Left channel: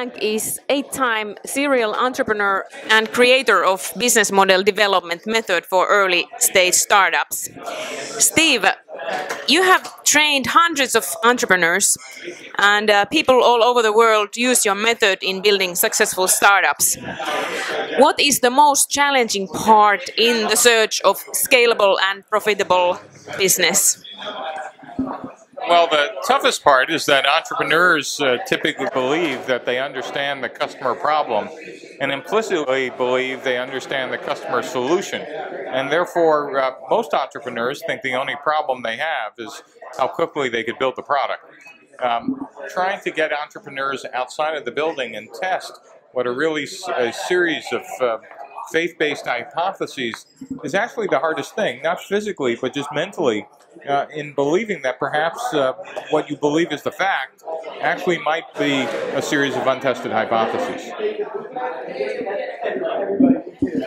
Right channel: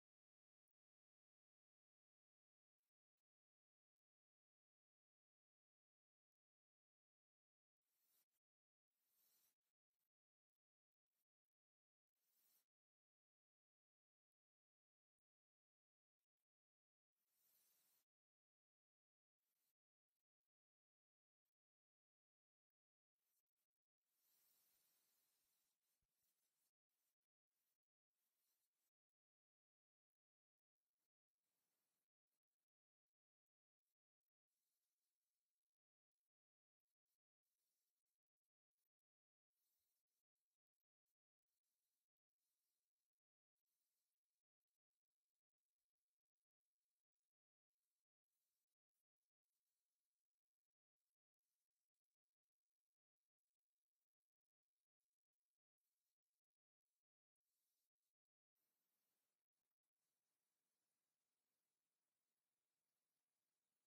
Blank is 8-time serial entrepreneur and creator of business model development method for early stage startups. Steve, you have trained hundreds of entrepreneurs, and people all over the world use your method in building successful startups. What is the most challenging part in the search of scalable and profitable business? Well, the toughest part is that entrepreneurs typically believe that they understand the customer problem and implicitly believe they understand the customer solution. And therefore, most entrepreneurs think the only problem they have is how quickly they could build the product. Trying to get entrepreneurs outside of the building and test what are really a series of faith-based hypotheses is actually the hardest thing, not physically, but just mentally, in believing that perhaps what you believe is the fact actually might be a series of untested hypotheses.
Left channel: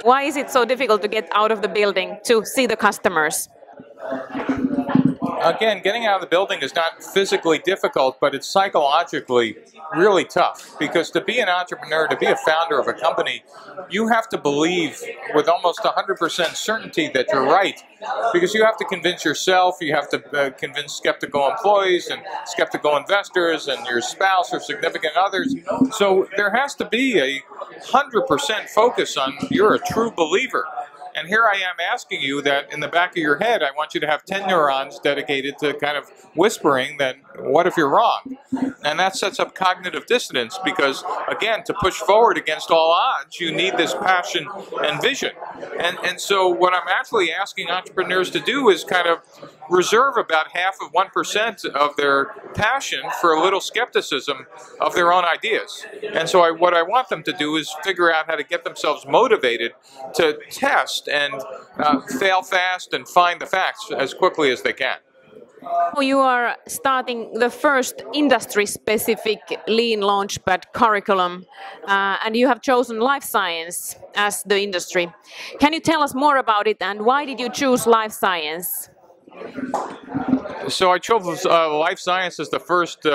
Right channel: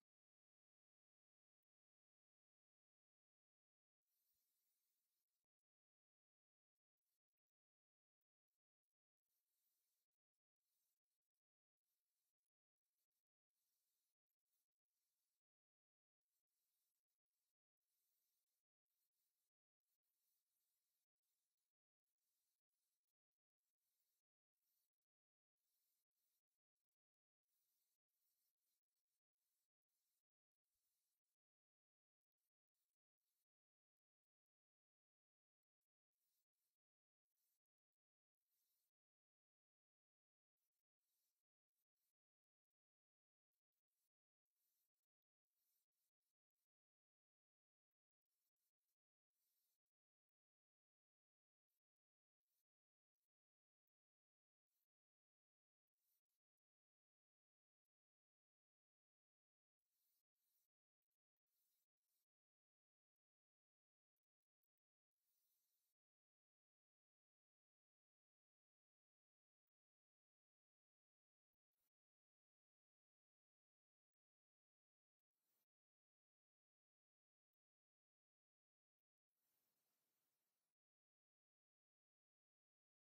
Why is it so difficult to get out of the building to see the customers? Again, getting out of the building is not physically difficult, but it's psychologically really tough. Because to be an entrepreneur, to be a founder of a company, you have to believe with almost 100% certainty that you're right. Because you have to convince yourself, you have to convince skeptical employees and skeptical investors and your spouse or significant others. So there has to be a 100% focus on you're a true believer. And here I am asking you that in the back of your head, I want you to have 10 neurons dedicated to kind of whispering that, what if you're wrong? And that sets up cognitive dissonance because, again, to push forward against all odds, you need this passion and vision. And so what I'm actually asking entrepreneurs to do is kind of reserve about half of 1% of their passion for a little skepticism of their own ideas. And so what I want them to do is figure out how to get themselves motivated to test and fail fast and find the facts as quickly as they can. You are starting the first industry-specific Lean Launchpad curriculum, and you have chosen life science as the industry. Can you tell us more about it, and why did you choose life science? So I chose life science as the first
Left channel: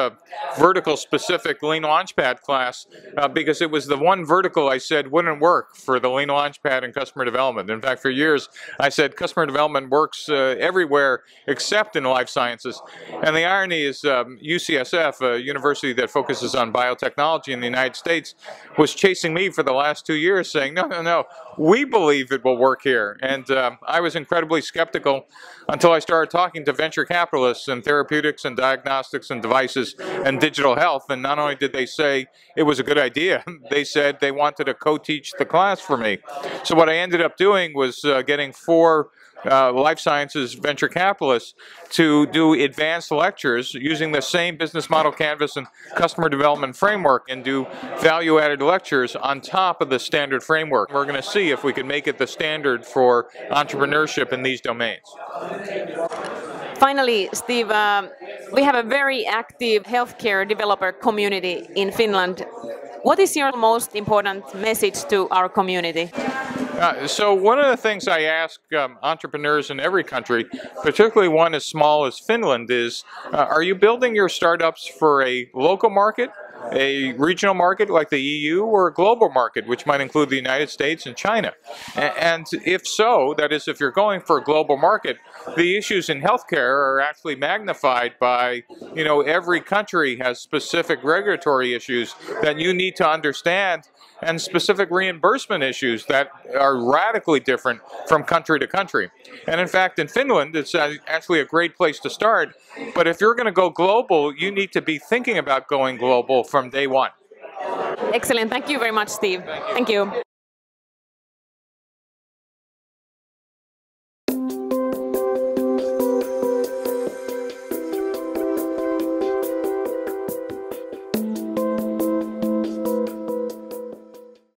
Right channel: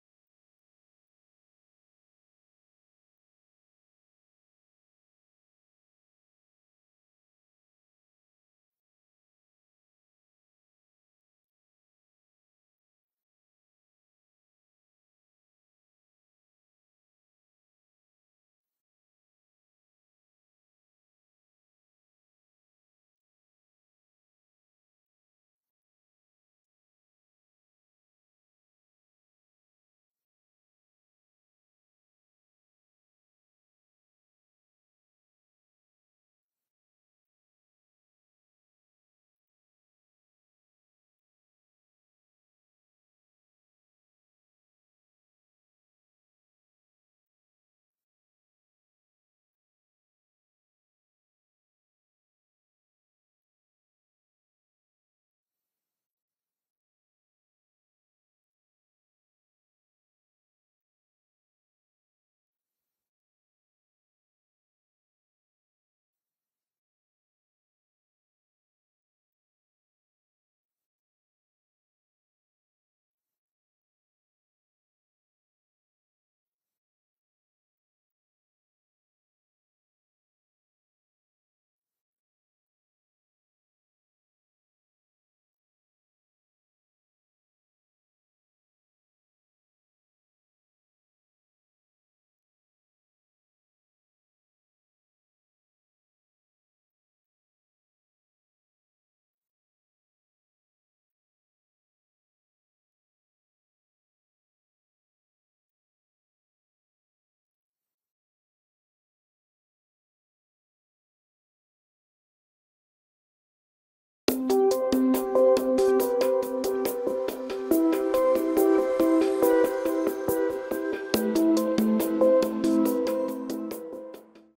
vertical-specific Lean Launchpad class because it was the one vertical I said wouldn't work for the Lean Launchpad and customer development. In fact, for years I said customer development works everywhere except in life sciences. And the irony is UCSF, a university that focuses on biotechnology in the United States, was chasing me for the last 2 years saying, no, we believe it will work here. And I was incredibly skeptical until I started talking to venture capitalists in therapeutics and diagnostics and devices and digital health. And not only did they say it was a good idea, they said they wanted to co-teach the class for me. So what I ended up doing was getting 4 life sciences venture capitalists to do advanced lectures using the same business model canvas and customer development framework and do value-added lectures on top of the standard framework. We're going to see if we can make it the standard for entrepreneurship in these domains. Finally, Steve, we have a very active healthcare developer community in Finland. What is your most important message to our community? So one of the things I ask entrepreneurs in every country, particularly one as small as Finland, is are you building your startups for a local market, a regional market like the EU, or a global market, which might include the United States and China? And if so, that is, if you're going for a global market, the issues in healthcare are actually magnified by, every country has specific regulatory issues that you need to understand and specific reimbursement issues that are radically different from country to country. And in fact, in Finland, it's actually a great place to start. But if you're going to go global, you need to be thinking about going global from day one. Excellent. Thank you very much, Steve. Thank you.